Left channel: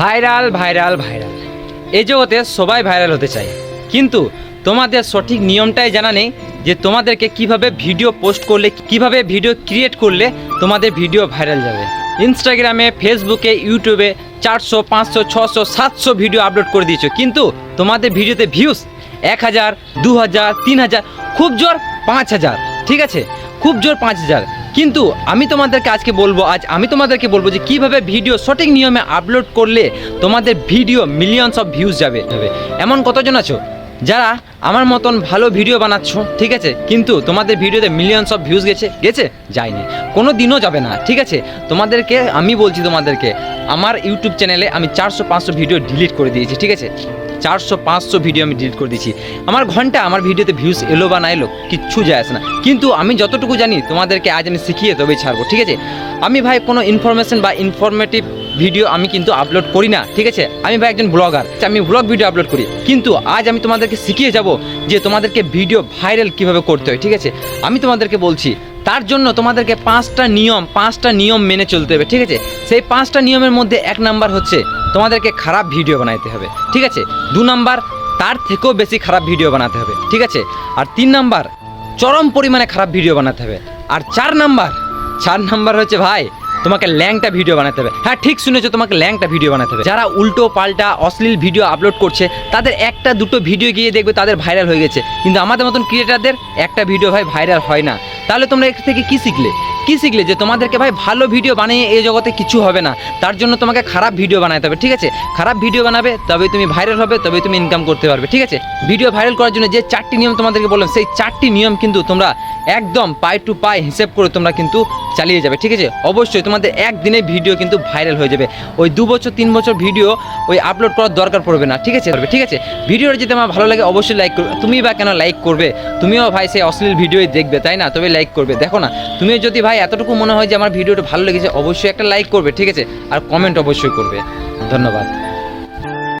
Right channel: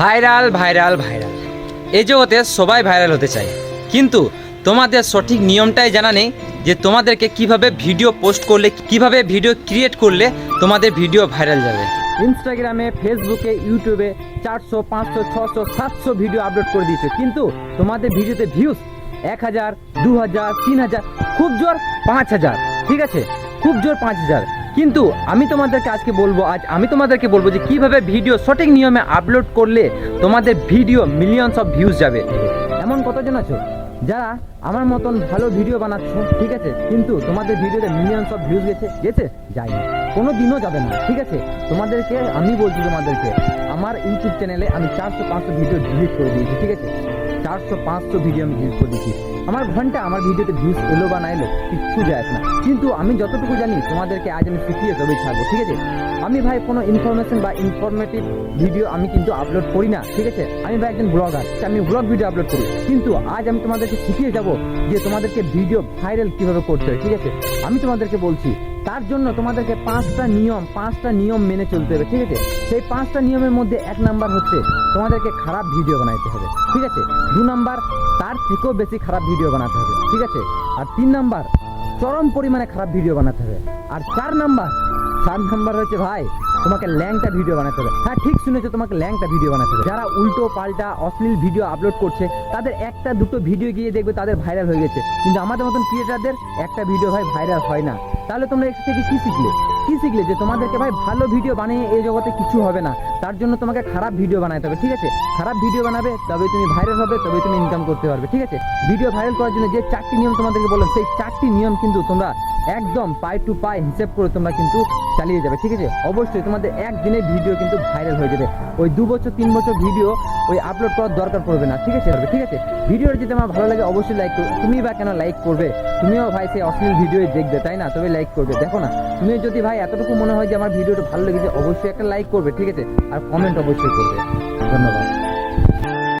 Viral viral viral এই জগতে সবাই ভাইরাল হতে চায়, কিন্তু তোমাদের সঠিক নিয়মটাই জানা নেই যে তোমাদেরকে কিভাবে ভিডিও পোস্ট করলে, কিভাবে ভিডিও ক্রিয়েট করলে তোমাদের ভিডিও ভাইরাল যাবে। ইনস্টাগ্রামে, ফেসবুকে, ইউটিউবে 400, 500, 600, 700 ভিডিও আপলোড করে দিয়েছো, কিন্তু তোমাদের ভিডিওতে ভিউজ 1000, 2000, 3000, খুব জোর 5000, ঠিক আছে, খুব জোর 5000। কিন্তু আমি তোমাদেরকে বলবো যে কিভাবে ভিডিও সঠিক নিয়মে আপলোড করলে তোমাদের ভিডিও মিলিয়নস অফ ভিউজ যাবে। এমন কতজন আছো যারা আমার মতন ভালো ভিডিও বানাচ্ছ, ঠিক আছে, কিন্তু তোমাদের ভিডিওতে মিলিয়নস অফ ভিউজ গেছে যায়নি, কোনো দিনও যাবে না, ঠিক আছে। তোমাদেরকে আমি বলছি, তোমাদেরকে আমার ইউটিউব চ্যানেলে আমি 400-500 ভিডিও ডিলিট করে দিয়েছি, ঠিক আছে, 400-500 ভিডিও আমি ডিলিট করে দিয়েছি। আমার ভিডিওতে ভিউজ এলো বা না এলো কিচ্ছু যায় আসে না, কিন্তু আমি যতটুকু জানি তোমাদেরকে আজ আমি শিখিয়ে তবেই ছাড়বো, ঠিক আছে। আমি ভাই কোনো ইনফরমেশন বা ইনফরমেটিভ ভিডিও আমি কিন্তু আপলোড করি না, ঠিক আছে। আমি ভাই একজন ব্লগার, আমি ব্লগ ভিডিও আপলোড করি, কিন্তু আজ আমি তোমাদেরকে শিখিয়ে যাব যে তোমাদেরকে ভিডিও ভাইরাল কিভাবে করতে হয়, ঠিক আছে। আমি তোমাদেরকে বলছি, তার জন্য তোমাদেরকে 5টা নিয়ম মেনে চলতে হবে, ঠিক আছে। সেই 5টা নিয়মের মধ্যে 1 নাম্বার হচ্ছে তোমাদেরকে খারাপ ভিডিও বানাইতে হবে, ঠিক আছে। 2 নাম্বার তার থেকেও বেশি খারাপ ভিডিও বানাতে হবে, ঠিক আছে। আর 3 নাম্বার চরম পরিমাণে খারাপ ভিডিও বানাতে হবে। আর 4 নাম্বার হচ্ছে ভাই তোমাকে ল্যাংটা ভিডিও বানাতে হবে। হ্যাঁ, ঠিক শুনেছো, তোমাকে ল্যাংটা ভিডিও বানাতে হবে। যারা উল্টো পাল্টা অশ্লীল ভিডিও আপলোড করছে তাদের 1-2 ভিডিও গিয়ে দেখবে তাদের ভাইরাল হয়ে গেছে, কিন্তু আমাদের মতন ক্রিয়েটারদের একটা ভিডিও ভাই ভাইরাল হয় না। তাহলে তোমরা এর থেকে কি শিখলে যে তোমাদেরকে ভাই ভালো ভিডিও বানিয়ে এই জগতে কিছু হবে না, তার জন্য তোমাকে খারাপ ভিডিও বানাতে হবে, ঠিক আছে। খারাপ ভিডিও বানাবে তবেই তুমি ভাইরাল হবে, তবেই তুমি ইনকাম করতে পারবে, ঠিক আছে। ভিডিও ভাইরাল করার জন্য যে 4টি নিয়ম তোমাদেরকে বললাম, সেই 4টি নিয়ম কিন্তু তোমরা একদম পাই টু পাই হিসেব করে তোমরা কিন্তু চালিয়ে যাবে, ঠিক আছে। অবশ্যই তোমাদের একদিনে ভিডিও কিন্তু ভাইরাল হয়ে যাবে। ওই 2 বছর 3 বছর ভিডিও ওই আপলোড করার দরকার পড়বে না, ঠিক আছে। ভিডিওটা যদি আমার ভালো লাগে অবশ্যই লাইক করবে। তুমি বা কেন লাইক করবে? তুমিও ভাই সেই অশ্লীল ভিডিওই দেখবে, তাই না? তবে লাইক করবে। দেখো না, তুমি যদি ভাই এতটুকু মনে হয় যে আমার ভিডিওটা ভালো লেগেছে, অবশ্যই একটা লাইক করবে, ঠিক আছে। আর কমেন্ট অবশ্যই করবে। ধন্যবাদ।